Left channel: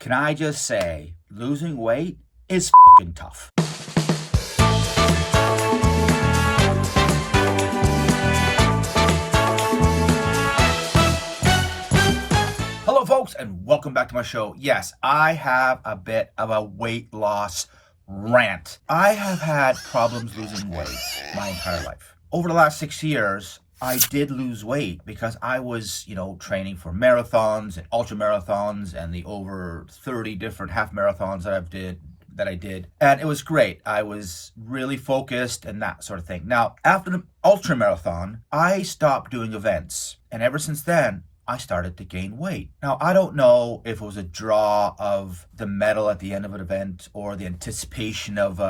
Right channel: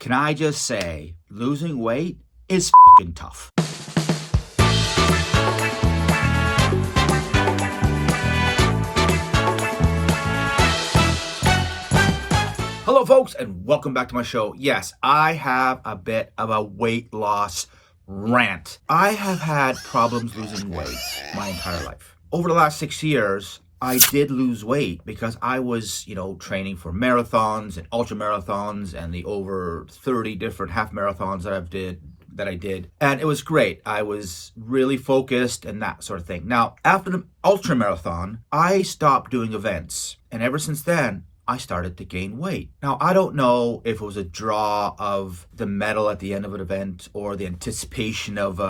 Can I just say, losing weight is fucking tough. Hello, folks, and welcome back to my show. Yes, I have a bit of a weight loss rant. I have had problems losing weight my entire life. Over the last 6 years, I did lose weight because I was, training for marathons and ultra marathons and the over 30 different half marathons that I did. And it was great. I was really focused and that sort of thing. Now, after the ultra marathon, I stopped doing events. And ever since then, I started to gain weight. Now, I don't know if it was a draw of the medal at the end of an event or the anticipation of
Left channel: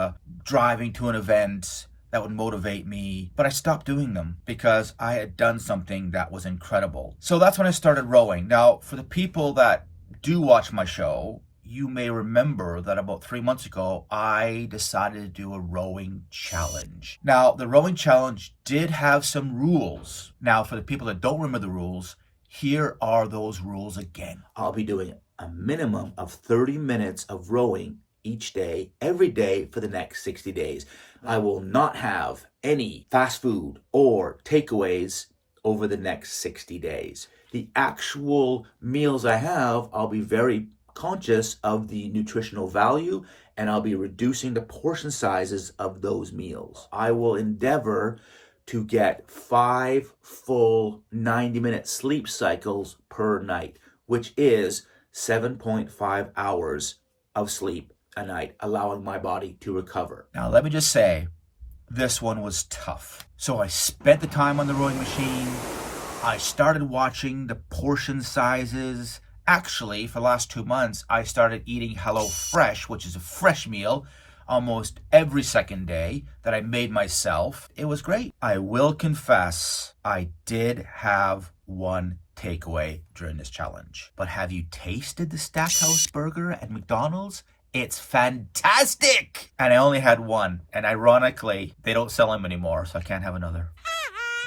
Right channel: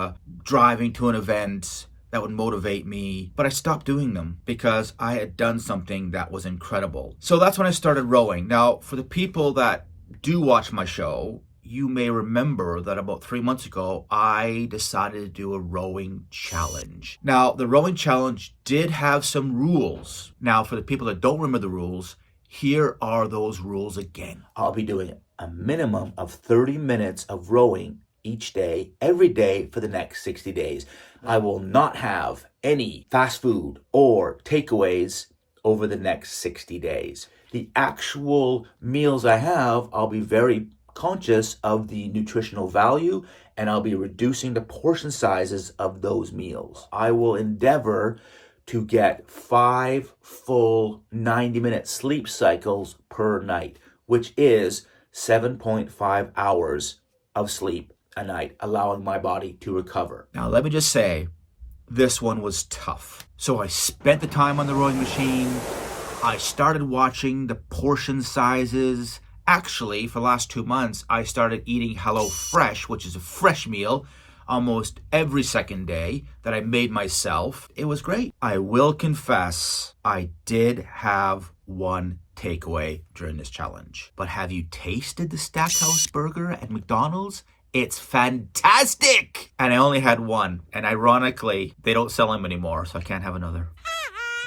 driving to an event that would motivate me, but I stopped doing them because I had done something that was incredible. So that's when I started rowing. Now, for the people that do watch my show, you may remember that about 3 months ago, I decided to do a rowing challenge. Now, the rowing challenge did have some rules. Now, for the people that don't remember the rules, here are those rules again. I'll be doing a minimum of 30 minutes of rowing each day, every day for the next 60 days. I will not have any fast food or takeaways over the next 60 days. The actual meals I have, I'll be very conscious of the nutritional value, and I'll be reducing the portion sizes of those meals. I will endeavor to get 5 full 90-minute sleep cycles per night, which is 7.5 hours of sleep a night, allowing my body to recover. Now, let me just say, this one was tough. So I spent the time on the rowing machine. I started watching the portion sizes. Actually, for the last 2 months, I started eating HelloFresh, which is a fresh meal, almost every second day that I made myself. It was great. I will confess, I did have one takeaway during this challenge. But have you tasted the Stackhouse burger at McDonald's? It's fantastic! And I only had one. And ironically, they don't sell them anymore, so I can't have another.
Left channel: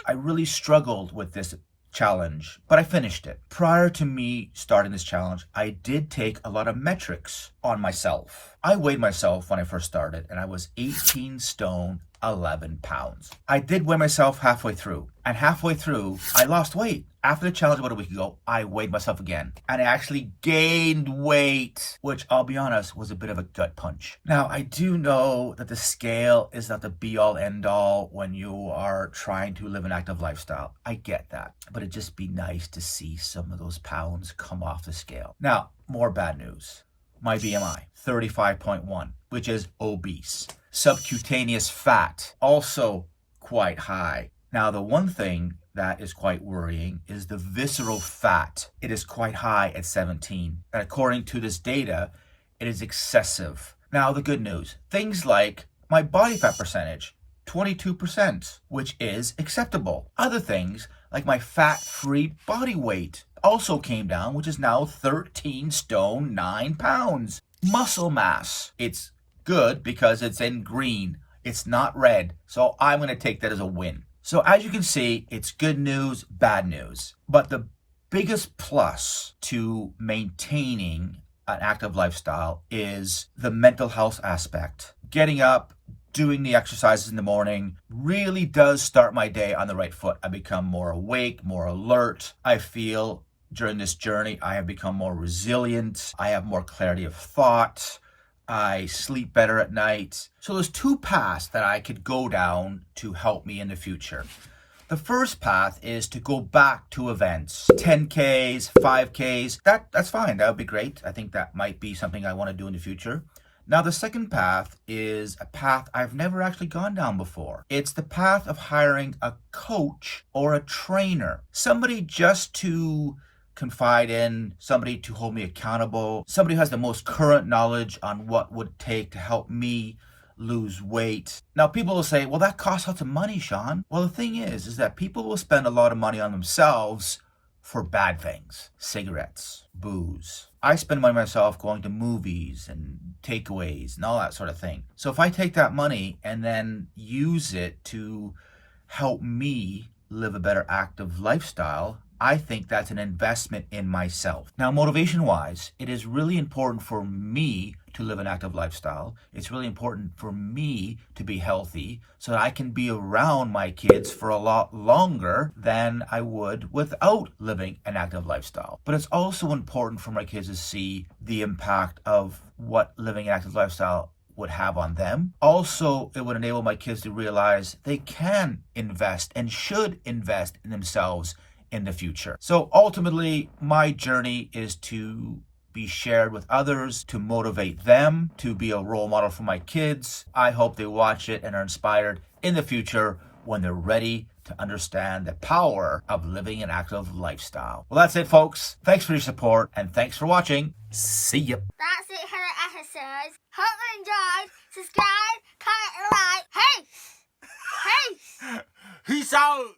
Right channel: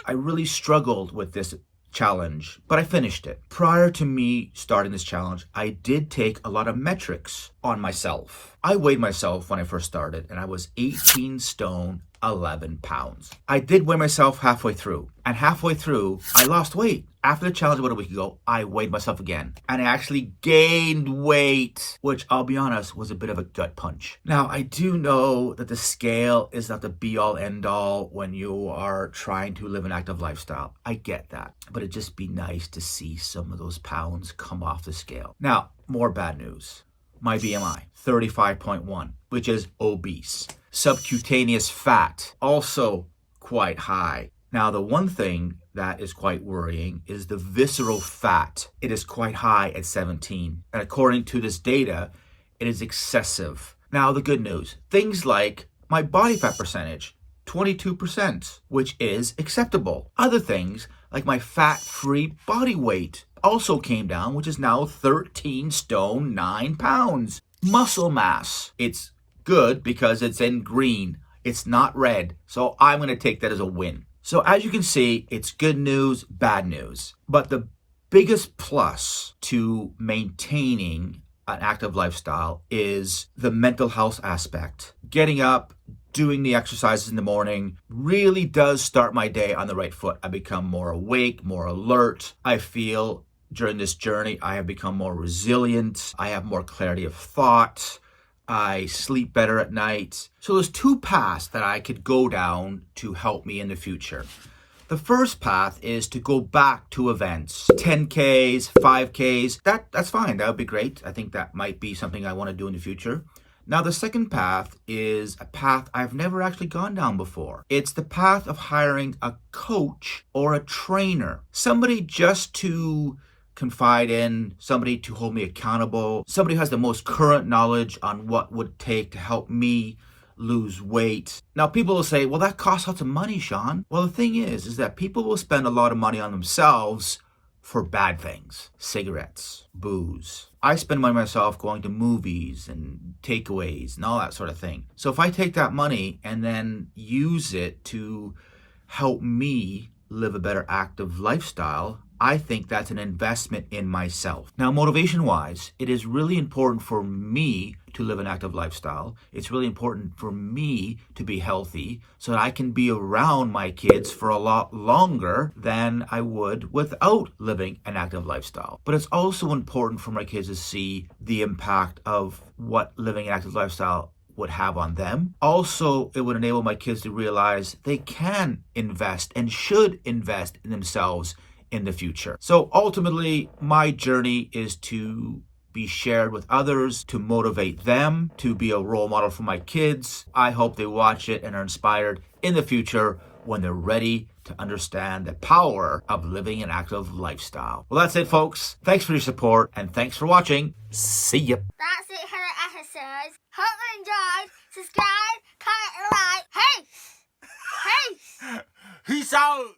I really struggled with this challenge, but I finished it. Prior to me starting this challenge, I did take a lot of metrics on myself. I weighed myself when I first started, and I was 18 stone, 11 pounds. I did weigh myself halfway through, and halfway through, I lost weight. After the challenge about a week ago, I weighed myself again, and I actually gained weight, which I'll be honest, was a bit of a gut punch. Now, I do know that the scale is not the be-all, end-all when you are trying to live an active lifestyle. I get that, but it'd just be nice to see some of those pounds come off the scale. Now, more bad news. My BMI, 35.1, which is obese. Subcutaneous fat, also quite high. Now, the one thing that is quite worrying is the visceral fat. It is quite high at 17. And according to this data, it is excessive. Now, the good news, things like my body fat percentage, 22%, which is acceptable. Other things like my fat-free body weight also came down, which is now 13 stone, 9 pounds. Muscle mass, it's good because it's in green. It's not red. So I'm going to take that as a win. So as you can see, it's good news, bad news. But the biggest plus to maintaining an active lifestyle is the mental health aspect. Getting up, doing the exercises in the morning really does start my day on the right foot. I become more awake, more alert. I feel during this journey, I have become more resilient. I have more clarity of thought. I sleep better at night. So there's 2 paths that I could go down to help me in the future. The first path is to go back to events, 10Ks, 5Ks. That's fine. That would be great. I think that might be something I want to do in the future. Now, the second path is a path I've never actually gone down before. It's the path of hiring a coach or a trainer, somebody just to confide in, somebody to hold me accountable, somebody who has the most current knowledge on what would take to help me lose weight. Now, people will say, well, that costs lots of money, Sean. Well, the thing is that people will spend a lot of money on themselves for bad things, cigarettes, booze. I spend money myself going to movies and takeaways and all that sort of thing. So if I take that money and then use it to help me live a better active lifestyle, I think that's an investment in myself. Now, motivation-wise, it is really important for me to live an active lifestyle. It's really important for me to be healthy so that I can be around my kids for a lot longer than I would without living an active lifestyle. But it's also important for my kids to see the impact of what living an active lifestyle would have on them. Also, it would enable my kids to realize they can invest and should invest in themselves in the future. So ultimately, my journey is to be shared with others, to motivate them, to be a role model for my kids. I hope they watch it and are inspired in the future when they're ready to understand the power of living an active lifestyle. Well, that's it, folks. Thanks for your support and thanks for watching. See ya. That's it for the episodes. Hope you enjoyed. Subscribe, comment, and like. Hey! Hey! Peace out.